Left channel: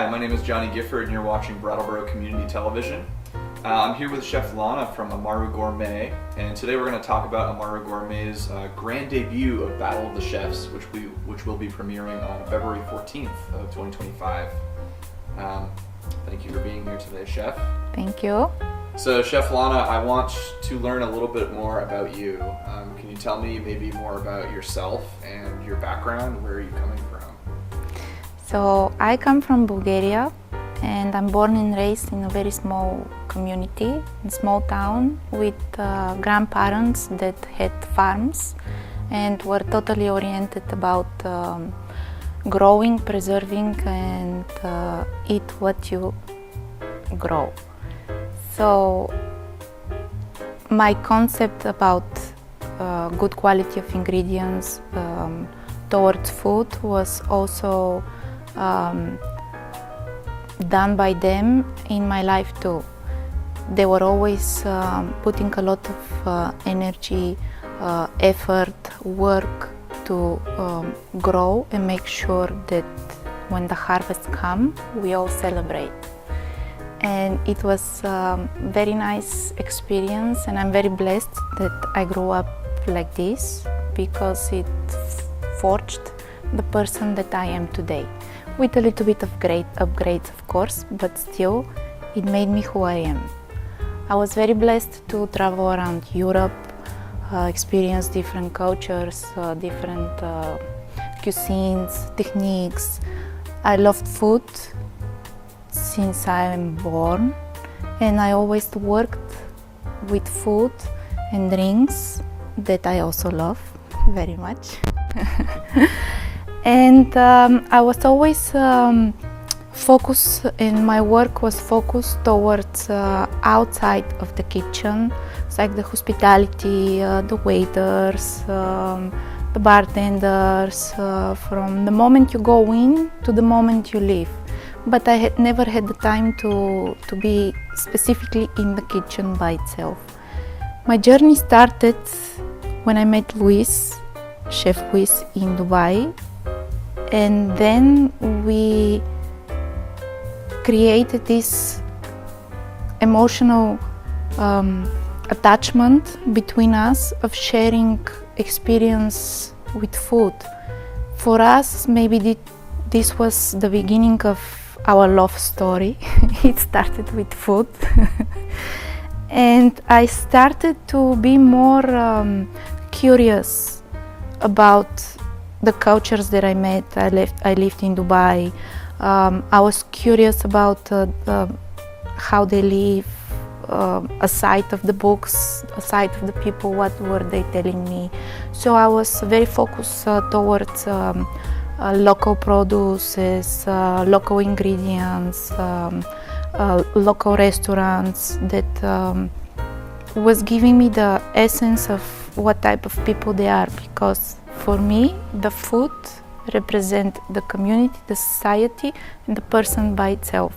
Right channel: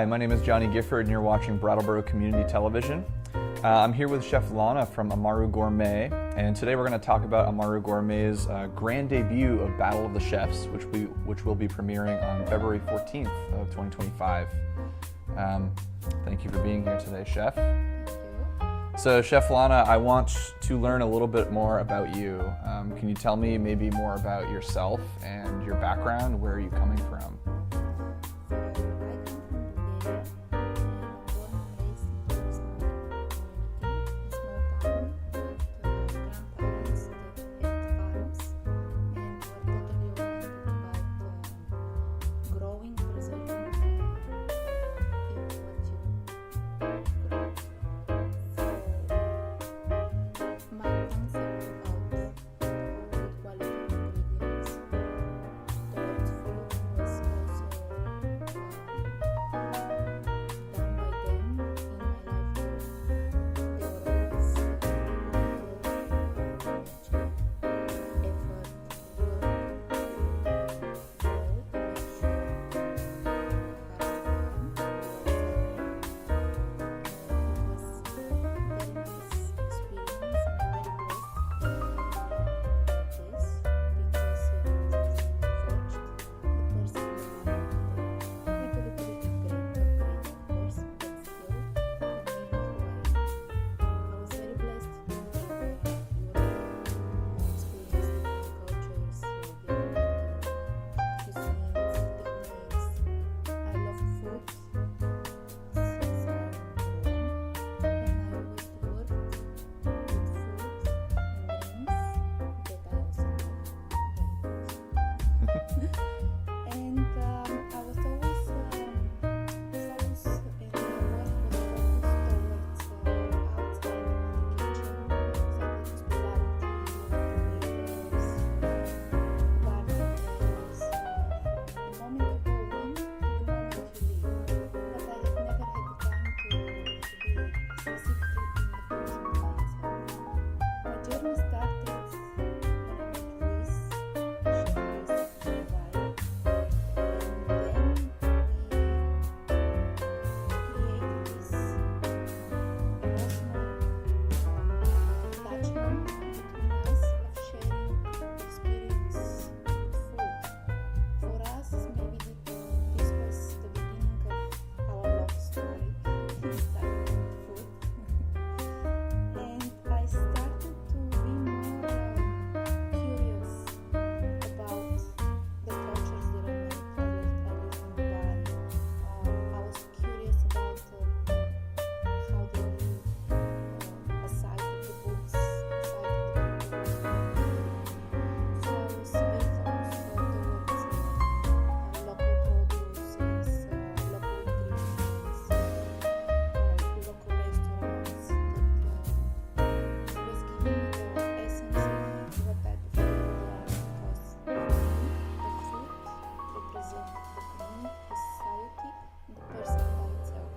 Hi, my name is Johnny Gifford and you're watching Brattleboro Community Television. I'm here with Chef Lana from Amaru Gourmet, and today we're going to talk about Amaru Gourmet's grand debut of Battle of the Chefs, which will be premiering on February 14th of 2025. Thank you for being here today, Chef. Thank you. So, Chef Lana, I want to learn a little bit more about you. Can you tell me maybe more about yourself and your background? Where are you coming from? So I come from Bulgaria, and I'm born and raised in a very small community, in a small town with grandparents that had farms and were totally oriented about growing, preserving, and eat what you grow. So my concept about good quality of ingredients towards food was also done by them in my life too. They were always putting a lot of energy, effort, work to grow and make sure that when the harvest comes, we all celebrate. And it was a very nice experience, and I'm very blessed that I grew up like this because it forged the person that I am today. With a little bit of great upgrades, of course, but still, it made me who I am. I was very blessed to travel around Europe, experience different cultures, different cuisines, techniques. I loved food since I am born, and I always worked with food and drinks that I also love very much. And I was always focused, and my work was focused towards outside of the kitchen. It's like the hospitality, the waiters, the bartenders, from the moment you go in to the moment you leave. But I had never had the time to be specifically in the kitchen by itself. My journey started when I met Luis, Chef Luis, in Dubai. And then we created this emotional attachment between us of sharing experience with food. For us, maybe this was the beginning of our love story. It started with food. And I started to be more curious about the cultures that I met. I lived in Dubai. I was curious about how they live, aside of the books, aside of the people, what were they telling me. So I was very focused towards local produces, local ingredients, local restaurants that was giving me the essence of what type of people they are, because for me, the food represents the community, the society, and the person by itself.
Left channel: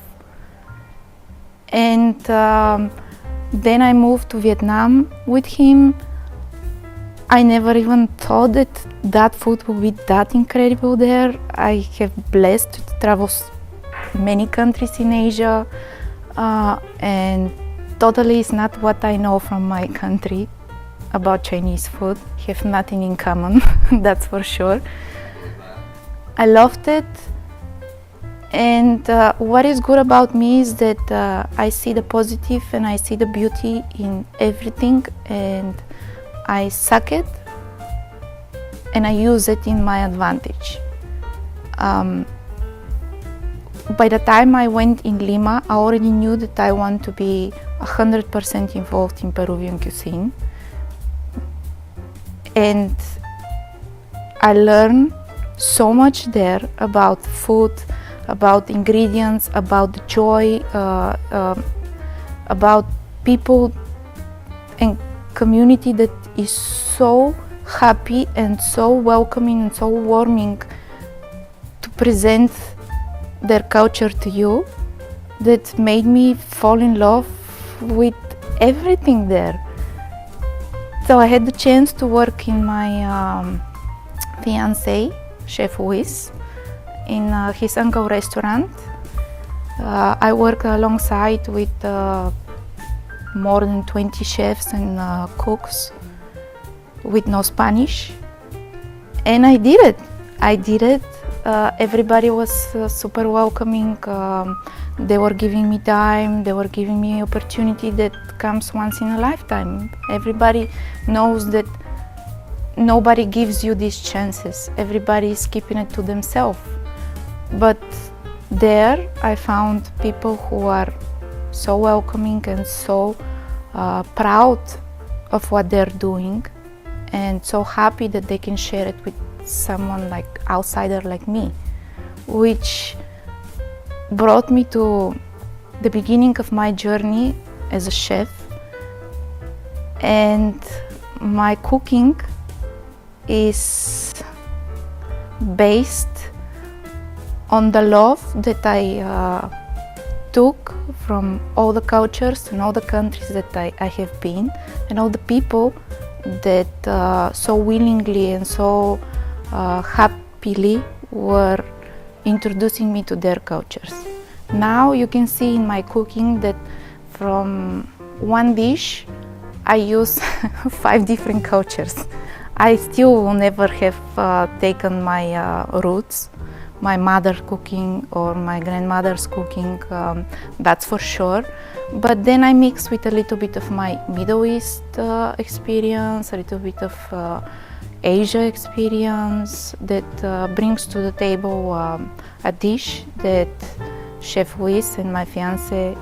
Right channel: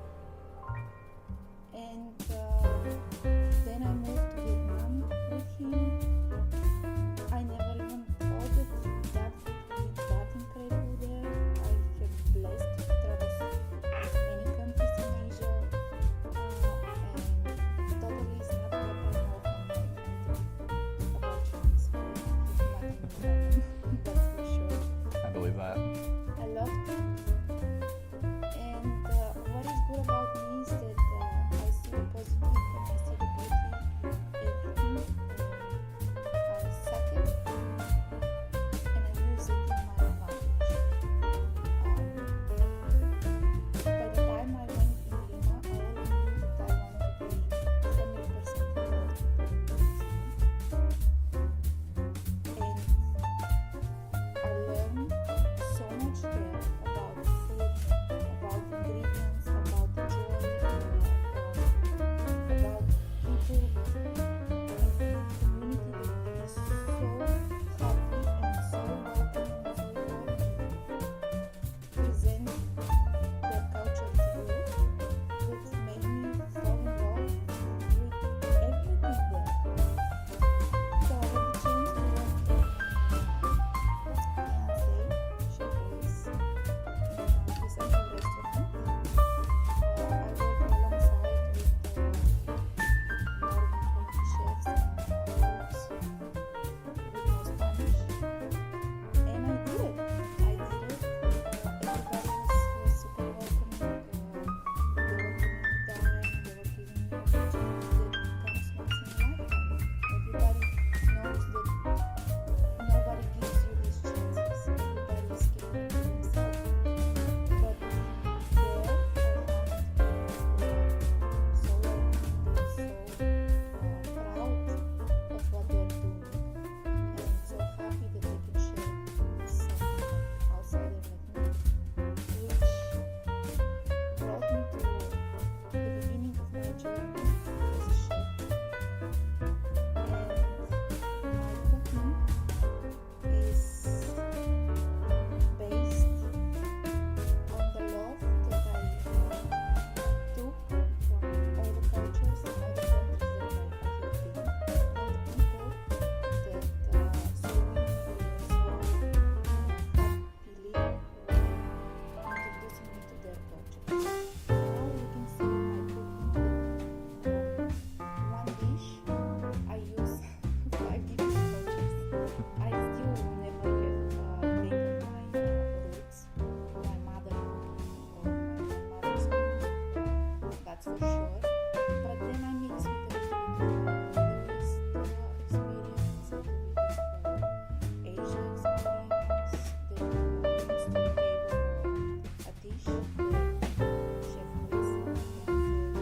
And then I moved to Vietnam with him. I never even thought that food would be that incredible there. I have blessed to travel many countries in Asia, and totally is not what I know from my country about Chinese food. Have nothing in common, that's for sure. I loved it, and what is good about me is that I see the positive and I see the beauty in everything, and I suck it and I use it in my advantage. By the time I went in Lima, I already knew that I want to be 100% involved in Peruvian cuisine. And I learned so much there about food, about ingredients, about the joy, about people and community that is so happy and so welcoming and so warming to present their culture to you, that made me fall in love with everything there. So I had the chance to work in my fiancé, Chef Luis, in his uncle restaurant. I work alongside with more than 20 chefs and cooks with no Spanish, and I did it. Everybody was super welcoming. They were giving me time, they were giving me opportunity that comes once in a lifetime. Everybody knows that nobody gives you these chances. Everybody is keeping it to themselves. But there I found people who are so welcoming and so proud of what they're doing, and so happy that they can share it with someone like outsider like me, which brought me to the beginning of my journey as a chef. And my cooking is based on the love that I took from all the cultures and all the countries that I have been, and all the people that so willingly and so happily were introducing me to their cultures. Now you can see in my cooking that from one dish I use 5 different cultures. I still will never have taken my roots, my mother's cooking or my grandmother's cooking, that's for sure. But then I mix with a little bit of my Middle East experience, a little bit of Asia experience that brings to the table a dish that Chef Luis and my fiance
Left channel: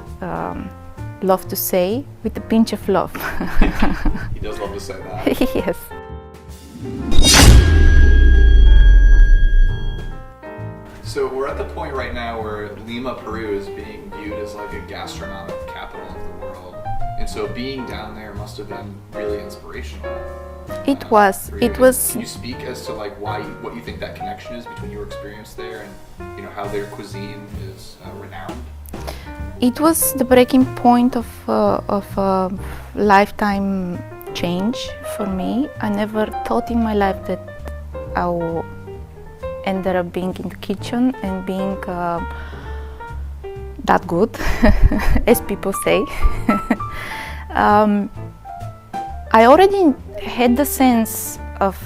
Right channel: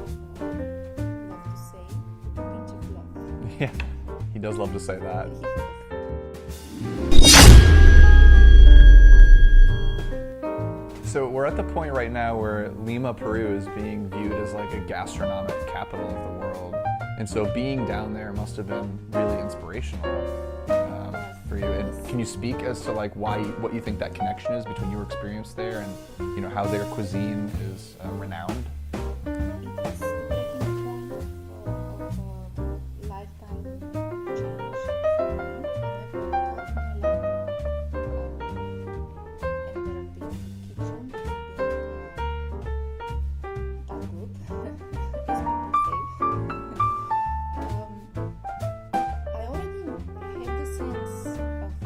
love to say, with a pinch of love. He does love to say that. Yes. So we're at the point right now where Lima, Peru is being viewed as like a gastronomic capital of the world. And so being down there must have been really inspirational. It was. for you. It was. Can you speak as to like what you think that connection is between your experience there and how their cuisine is renowned? It was the breaking point of a lifetime change for me. I never thought in my life that I would end up being in the kitchen and being that good, as people say. I already had the sense of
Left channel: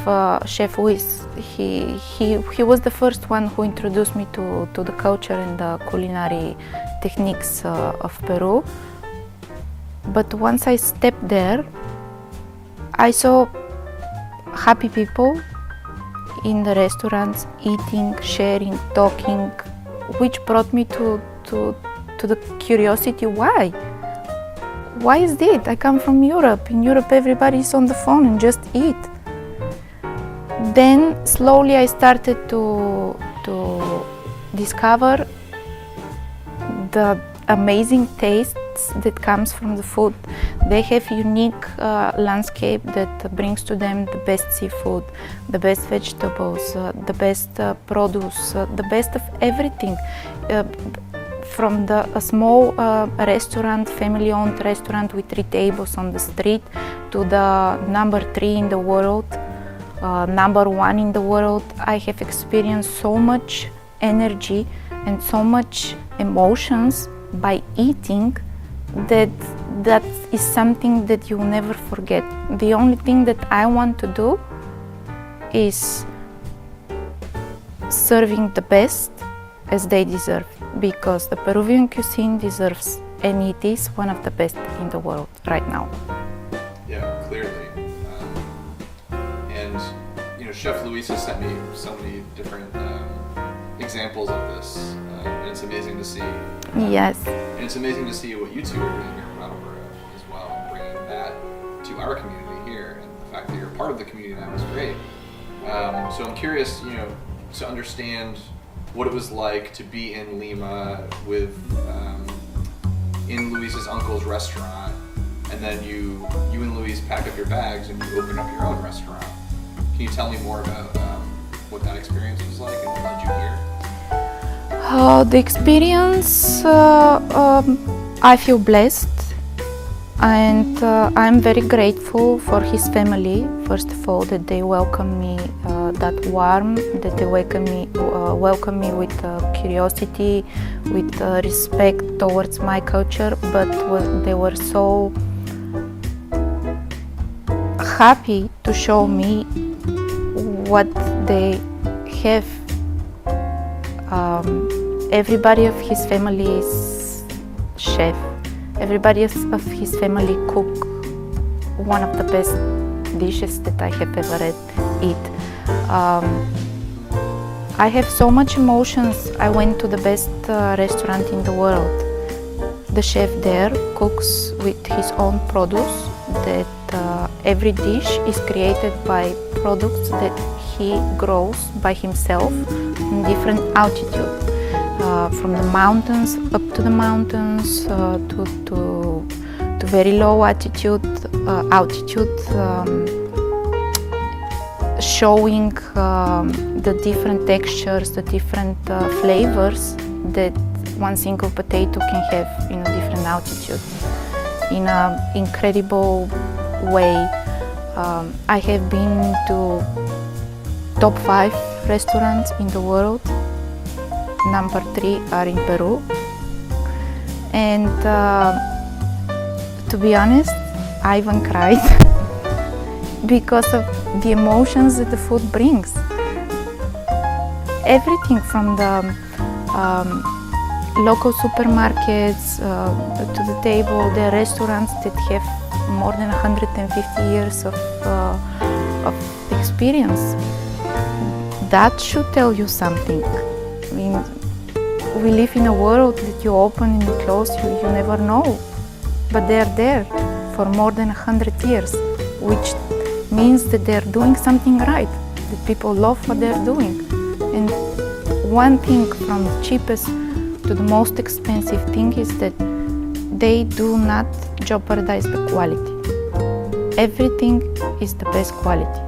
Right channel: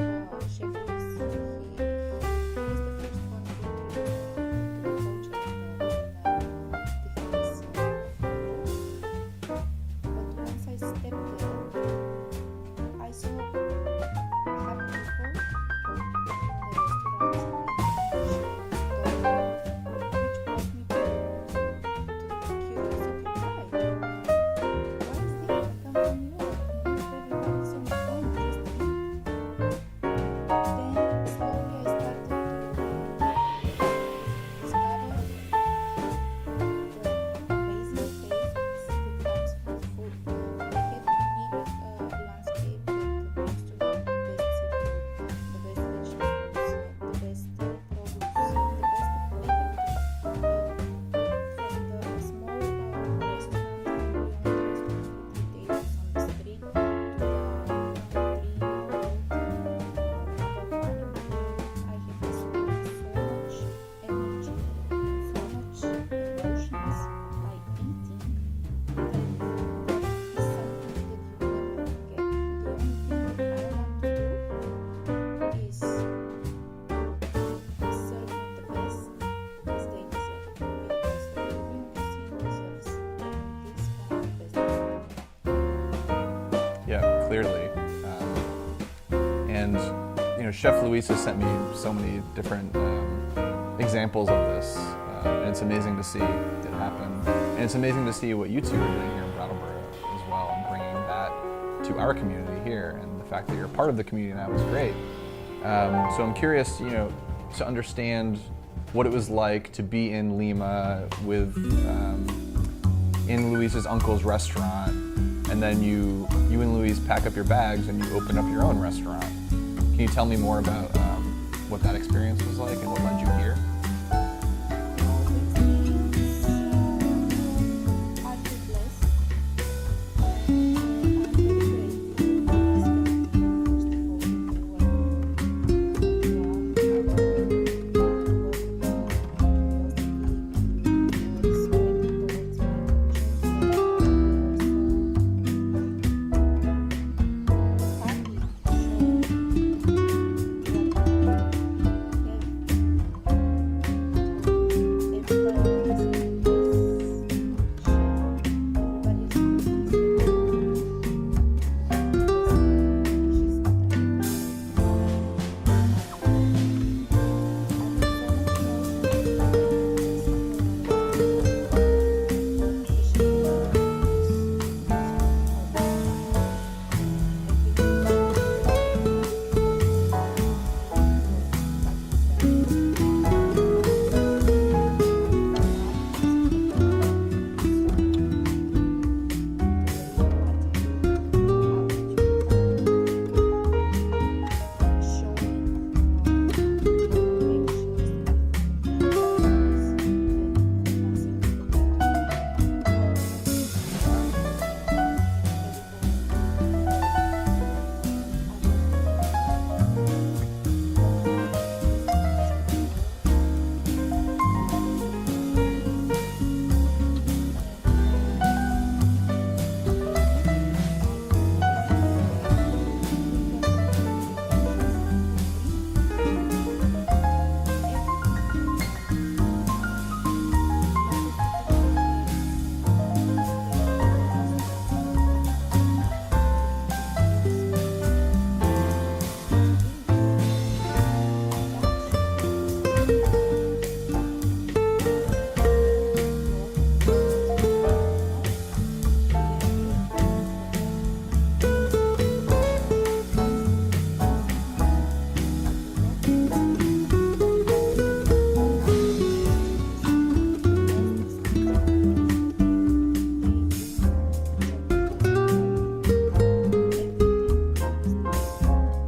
Chef Luis. He was the first one who introduced me to the culture and the culinary techniques of Peru. But once I stepped there, I saw happy people in the restaurants, eating, sharing, talking, which brought me to the curiosity, why? Why is it? I come from Europe. In Europe, everybody is on the phone and just eat. Then slowly I started to discover the amazing tastes that comes from the food. They have unique landscape that brings to them the best seafood, the best vegetables, the best produce, the best of everything. From a small restaurant, family-owned restaurant with 3 tables on the street, to the number 3 in the world, number 1 in the world. I have experienced so much energy and so much emotions by eating that is something that you'll never forget. The only thing that I want to do is serving the best as they deserve, because the Peruvian cuisine deserves, and it is one of the best in the world right now. Yeah, clearly. And Chef Luis has sent me so many different examples of this, and it's amazing to see. Yes. And it's amazing to see what you two are doing here in Brattleboro as well, and bringing that to our community here, and the fact that you're part of the community now is great. So I'm curious, to understand what it was like to be in Lima with in Luis's uncle's restaurant, and then you and Luis pack up your bags and you open up your own restaurant. Can you tell me more about what that experience was like and what led you here? The experience, I feel blessed, and I'm very grateful for his family, first of all, that they welcome me that warm, that they welcome me with curiosity, with respect towards my culture, but they were so happy to show me what they have. Everybody of his family is chef. Everybody of his family cook one of the best dishes that I have ever eat. I have so much emotions. I went to the best restaurant in the world. The chef there cooks with his own produce. That every dish is created by products that he grows by himself in different altitude, from the mountains up to the mountains to very low altitude, showing the different textures, the different flavors that one single potato can have in a different altitude, in an incredible way. I have been to top 5 restaurants in the world. Number 3 are in Peru. And to be honest, I even cried because of the emotions that the food brings. Everything from the local supermarkets to the table, the restaurants that have more than 150 years of experience. That should tell you something. I mean, we live in a world that you open and you close, you never know. But they're there for more than 100 years, which means that they're doing something right, that people love what they're doing. And one thing from the cheapest to the most expensive thing is that they do not jeopardize the quality. Everything is the best quality,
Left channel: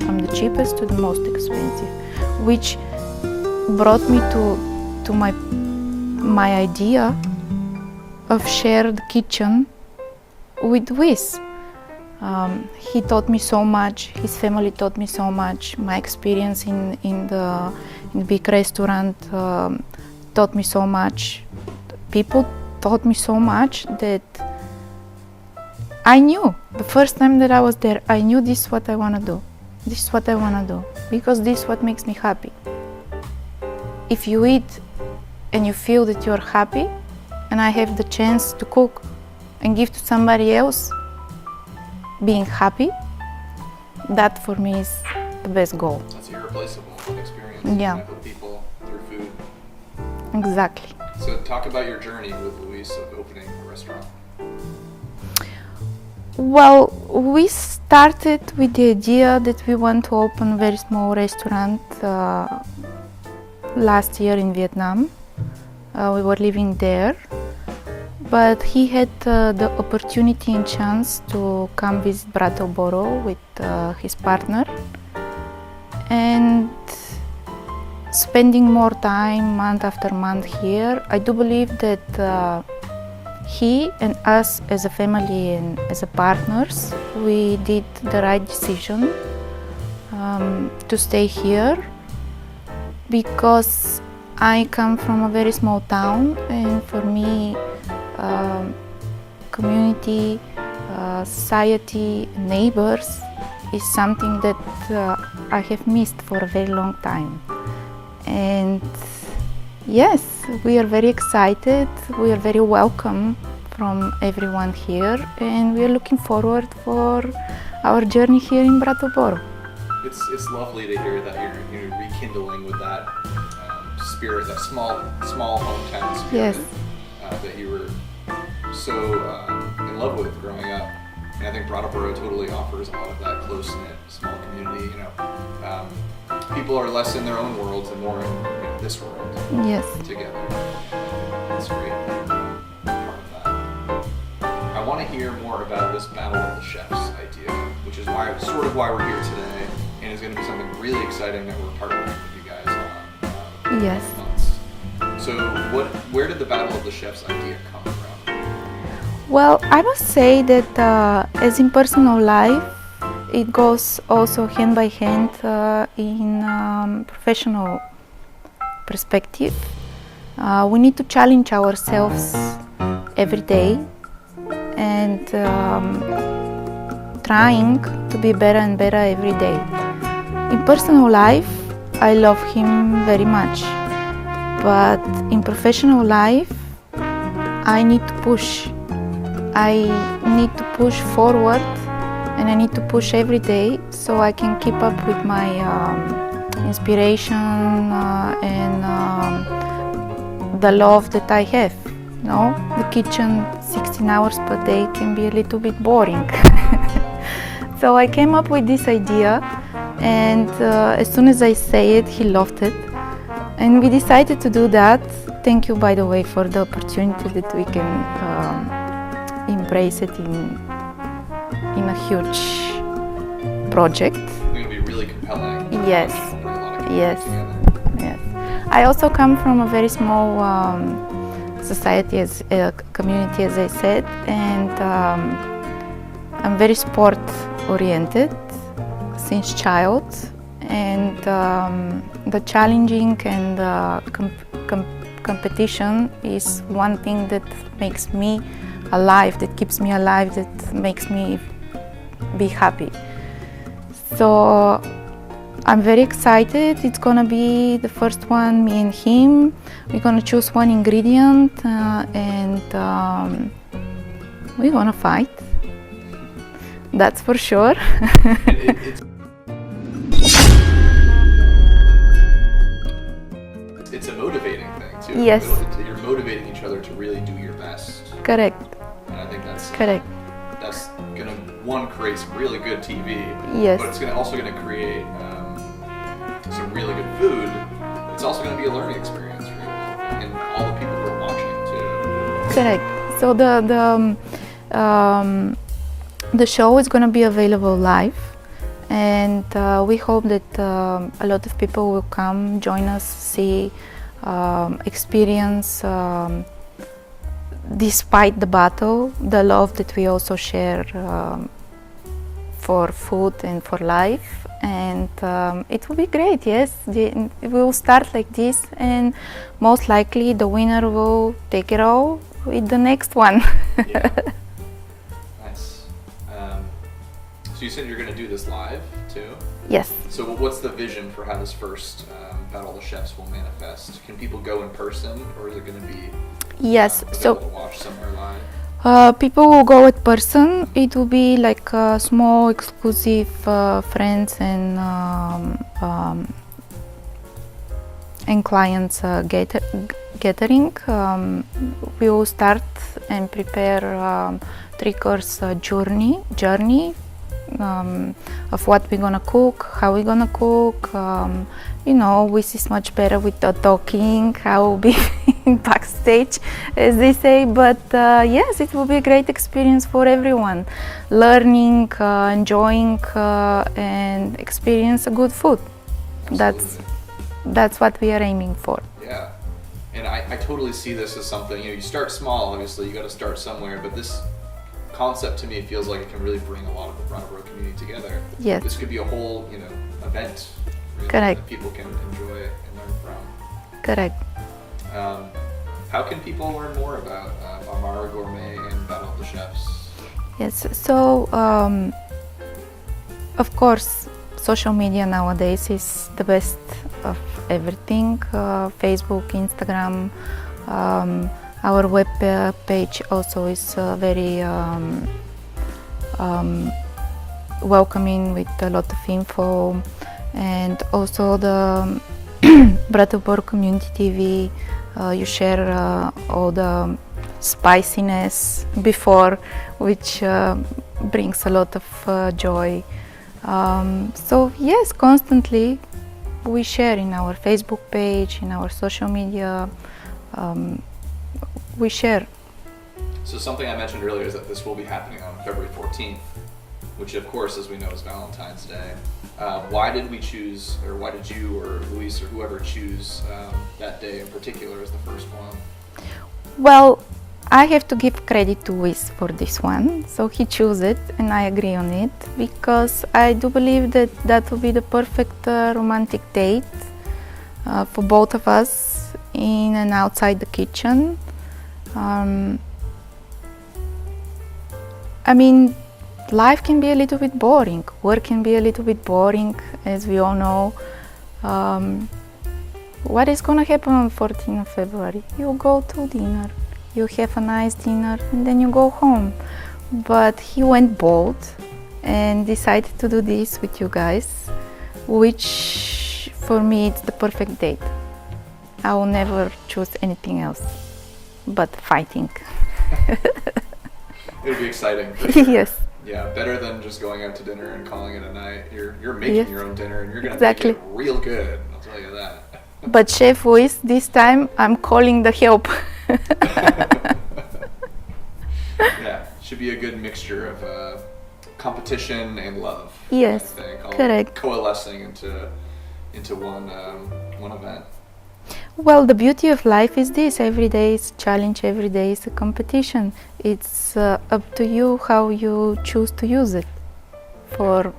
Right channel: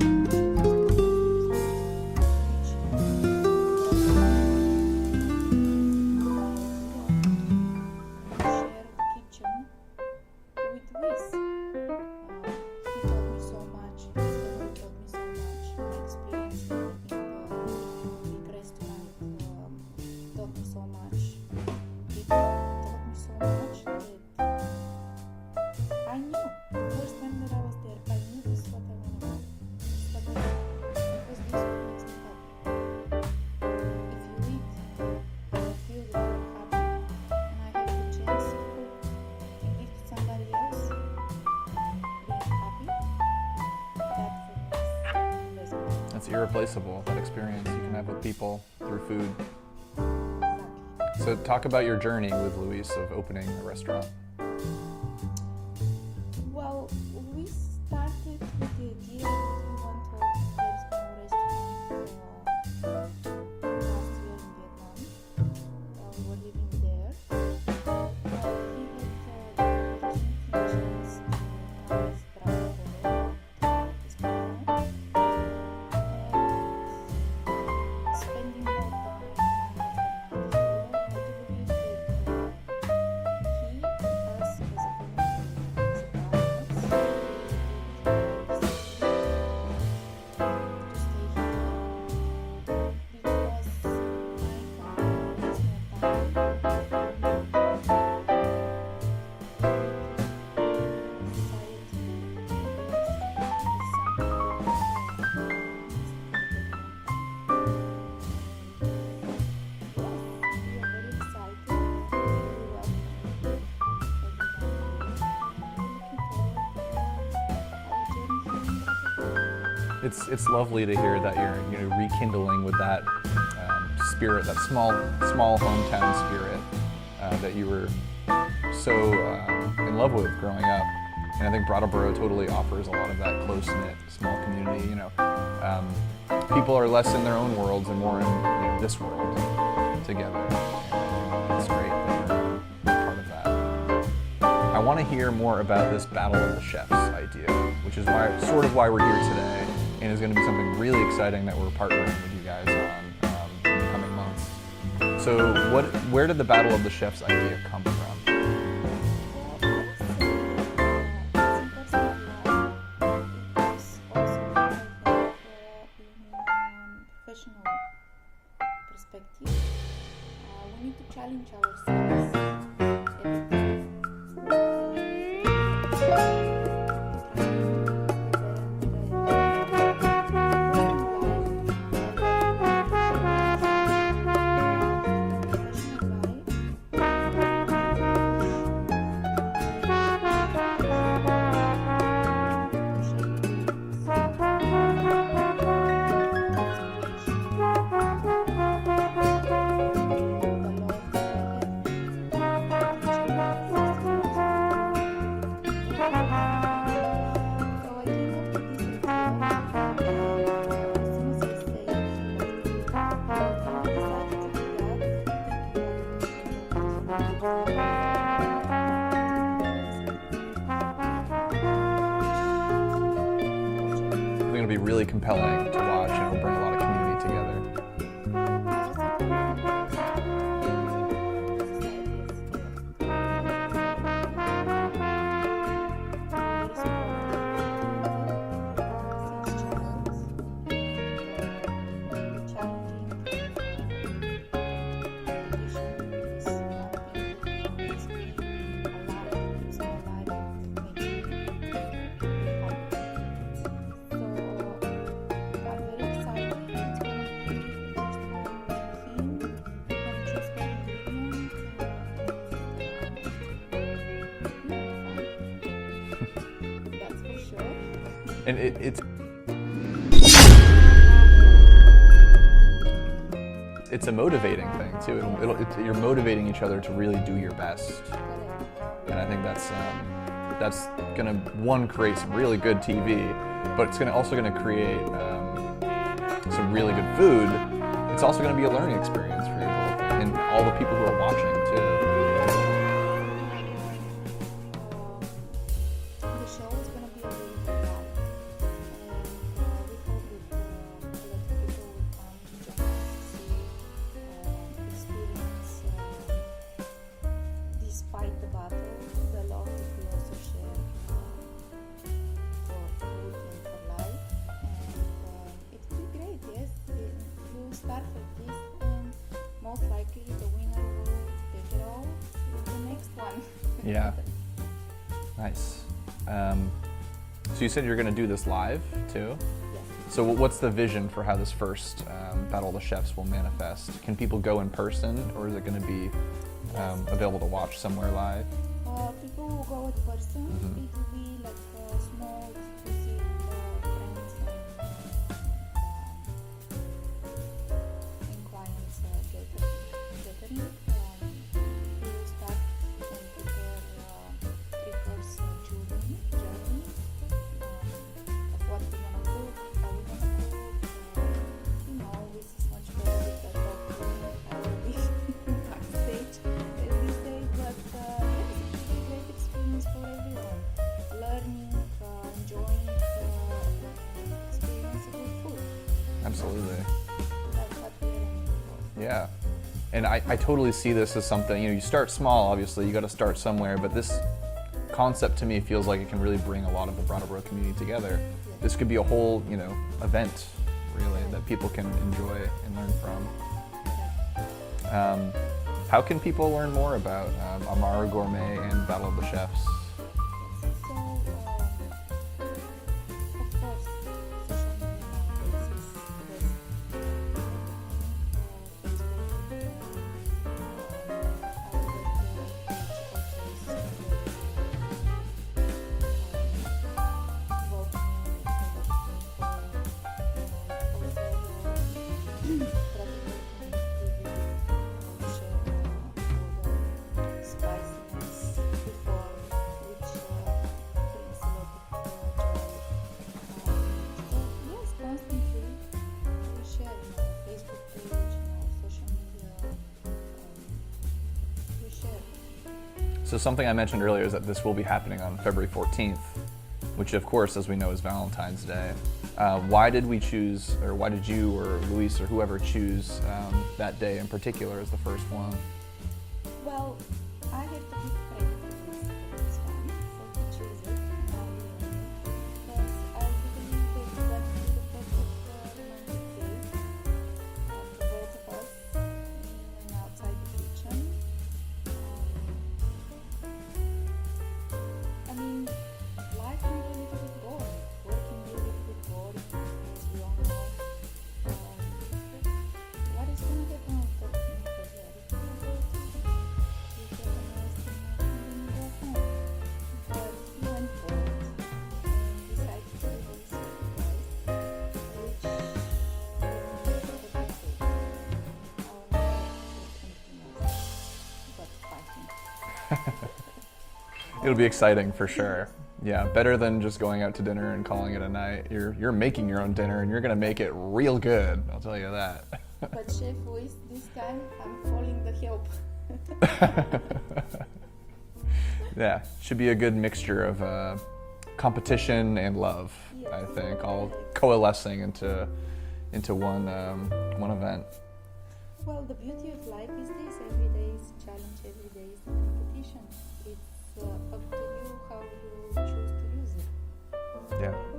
from the cheapest to the most expensive, which brought me to my idea of shared kitchen with Wiz. He taught me so much, his family taught me so much, my experience in the big restaurant taught me so much. People taught me so much that I knew, the first time that I was there, I knew this is what I want to do. This is what I want to do, because this is what makes me happy. If you eat and you feel that you're happy, and I have the chance to cook and give to somebody else being happy, that for me is the best goal. That's irreplaceable experience. Yeah. Connect with people through food. Exactly. So talk about your journey with Luis of opening a restaurant. Well, we started with the idea that we want to open a very small restaurant last year in Vietnam. We were living there, but he had the opportunity and chance to come visit Brattleboro with his partner, and spending more time month after month here, I do believe that he and us as a family and as a partners, we did the right decision to stay here, because I come from a very small town, and for me, community, society, neighbors is something that I have missed for a very long time. And yes, we are very excited, we are very welcome from everyone here, and we are looking forward for our journey here in Brattleboro. It's lovely to hear that you're rekindling with that spirit, that small hometown spirit. Yes. That you were so in love with growing up. And I think Brattleboro totally offers a lot of that close-knit, small community. People are less in their own worlds and more in this world. Yes. Together. That's great. Part of that. I want to hear more about this Battle of the Chefs idea, which is why we're here today, and is going to be something really exciting that we're partnering with you guys on. Yes. Months. So where did the Battle of the Chefs idea come from? Well, I must say that as in personal life, it goes also hand by hand in professional perspective. We need to challenge ourselves every day and trying to be better and better every day. In personal life, I love him very much, but in professional life, I need to push. I need to push forward, and I need to push every day so I can keep up with my inspiration and the love that I have. No, the kitchen 16 hours per day can be a little bit boring. So I came up with this idea, and as soon as I say it, he loved it. And we decided to do that. Thank you, by the way, for the opportunity that we can embrace it in a huge project. I think it'll be really compelling. Yes. It'll bring a lot of people Yes. together. Yes. I also come from a very small society, community, as I said, and I'm very sport oriented since child, and the challenging and competition is one thing that makes me alive, that keeps me alive, that makes me be happy. So I'm very excited. It's gonna be the first one, me and him. We're gonna choose one ingredient and we're gonna fight. That's for sure. It's a motivating thing too. Yes. You're motivating each other to really do your best. Correct. And I think that's Correct. That's gonna create some really good TV. Yes. But it's also gonna create some really good food. It's also gonna be a learning experience for people and all the people who are watching too. Correct. So the show is gonna be available live, and we hope that a lot of people will come, join us, see, experience, despite the battle, the love that we also share for food and for life. And it will be great, yes. We will start like this, and most likely the winner will take it all with the next one. Yeah. Nice. So you said you're going to do this live too? Yes. So what's the vision for how this first Battle of the Chefs will manifest? Can people go in person, or is it going to be Yes. available to watch somewhere live? People will go in person. It will be like a small, exclusive friends and clients gathering. We will start and prepare 3-course journey of what we're gonna cook, how we're gonna cook. This is much better with the talking, how will be backstage, as they say. But yes, it will be a great experience for everyone. Learning, enjoying, and experience a good food. Absolutely. That's what we are aiming for. Yeah. And I totally see this as something, you start small, obviously, you got to start somewhere, but this concept to me feels like it can really bring a lot of the Brattleboro community together. Yes. This could be a whole, event really, Correct. that people can enjoy and learn from. Correct. How can people learn more about Amaru Gourmet and Battle of the Chefs? Yes, so of course, social media nowadays is the best of everything. Facebook, Instagram, our web page also is very welcoming with a lot of info, and also the Brattleboro Community TV. You share all the spiciness before, which brings a lot of joy. So yes, constantly we share in our Facebook page, in our social media, we share. So something I mentioned earlier is that this will be happening on February 14th, which of course, as we know, is Valentine's Day. Why did we choose, or why did you or Luis or whoever choose that day in particular as the first one? Well, I have to give credit to Luis for this one. So he chose it, and I agree on it, because I do believe that that will be the perfect romantic date. for both of us, in and outside the kitchen. I mean, life can be a little bit boring. Work can be a little bit boring, as we all know. What is going to happen on 14th of February? You go to dinner, you have a nice dinner, and then you go home. But he went bold and decided to do this with you guys, which for me it's the perfect date. I will never choose anything else but fighting. It'll be exciting for sure. Yes. Yeah, better than just going out to dinner and calling it a night. You're making Yes. your own dinner, and you're gonna Exactly. make it real good. I'll tell you that. But Chef Luis, this time I'm calling the help. Yeah, should be a good mixture of competition and love. Yes, I think all correct. coalescing into one event. Well, the beauty of life is this: every day is a challenge, every day is a competition. It's up to you how you choose to use it, for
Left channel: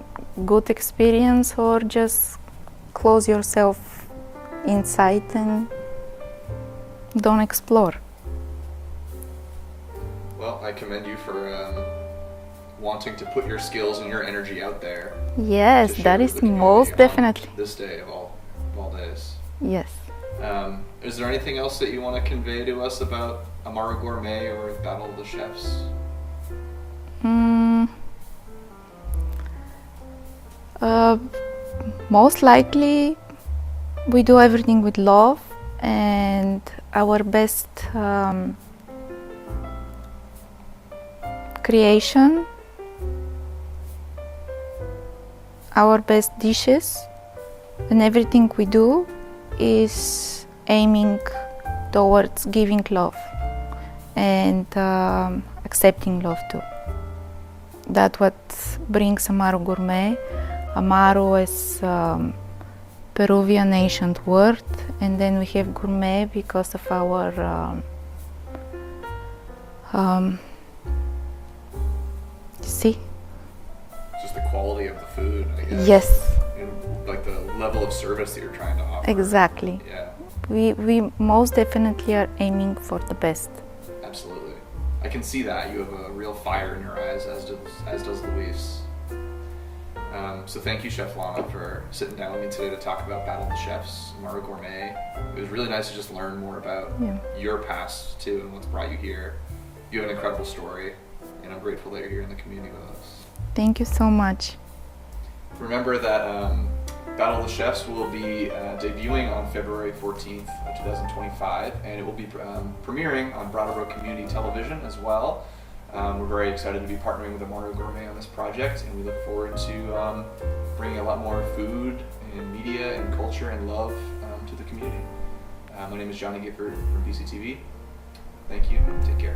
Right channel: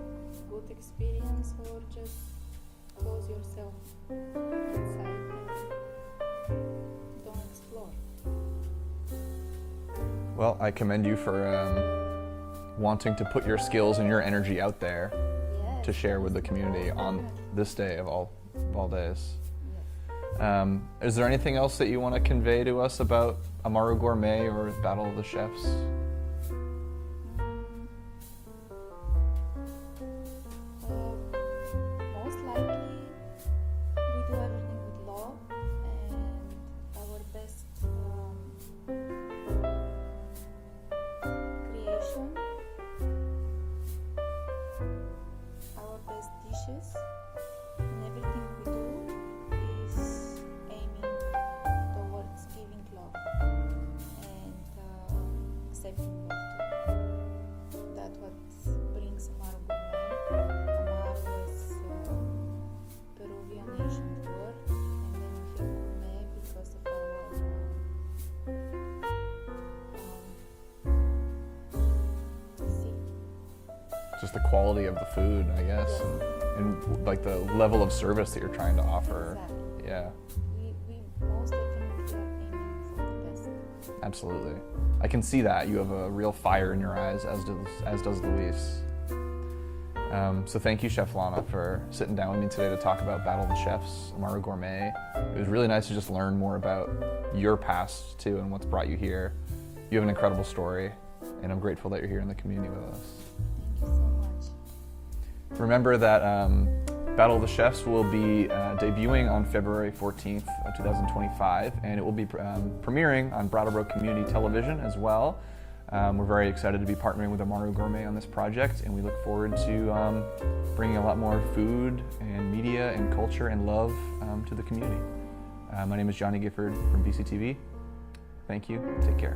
good experience or just close yourself inside and don't explore. Well, I commend you for wanting to put your skills and your energy out there. Yes, to share that with is the community most on definitely. this day of all days. Yes. Is there anything else that you want to convey to us about Amaru Gourmet or Battle of the Chefs? Most likely, we do everything with love, and our best creation, our best dishes, and everything we do is aiming towards giving love and accepting love too. That's what brings Amaru Gourmet. Amaru is Peruvian ancient word, and then we have gourmet because of our see? Just the quality of the food, I guess. Yes, And like the level of service that you're trying to offer. exactly. Yeah, We most definitely are aiming for the best. absolutely. I can see that. You have a real fire in your eyes, as does Luis. So thank you, Chef Lana, for sitting down with me today to talk about Battle of the Chefs, Amaru Gourmet. It was really nice to just learn more about your past too and what's brought you here. You have an incredible story, and I'm grateful that you're here in the community with us. Thank you so much. Remember that Battle of the Chefs will be debuting on February 14th of 2025, and it will be premiering on Brattleboro Community Television as well. We're very excited to be partnering with Amaru Gourmet on this project, and we look forward to bringing a lot more food and media and culture and love to the community. My name is Johnny Gifford from BCTV. Thank you, and take care.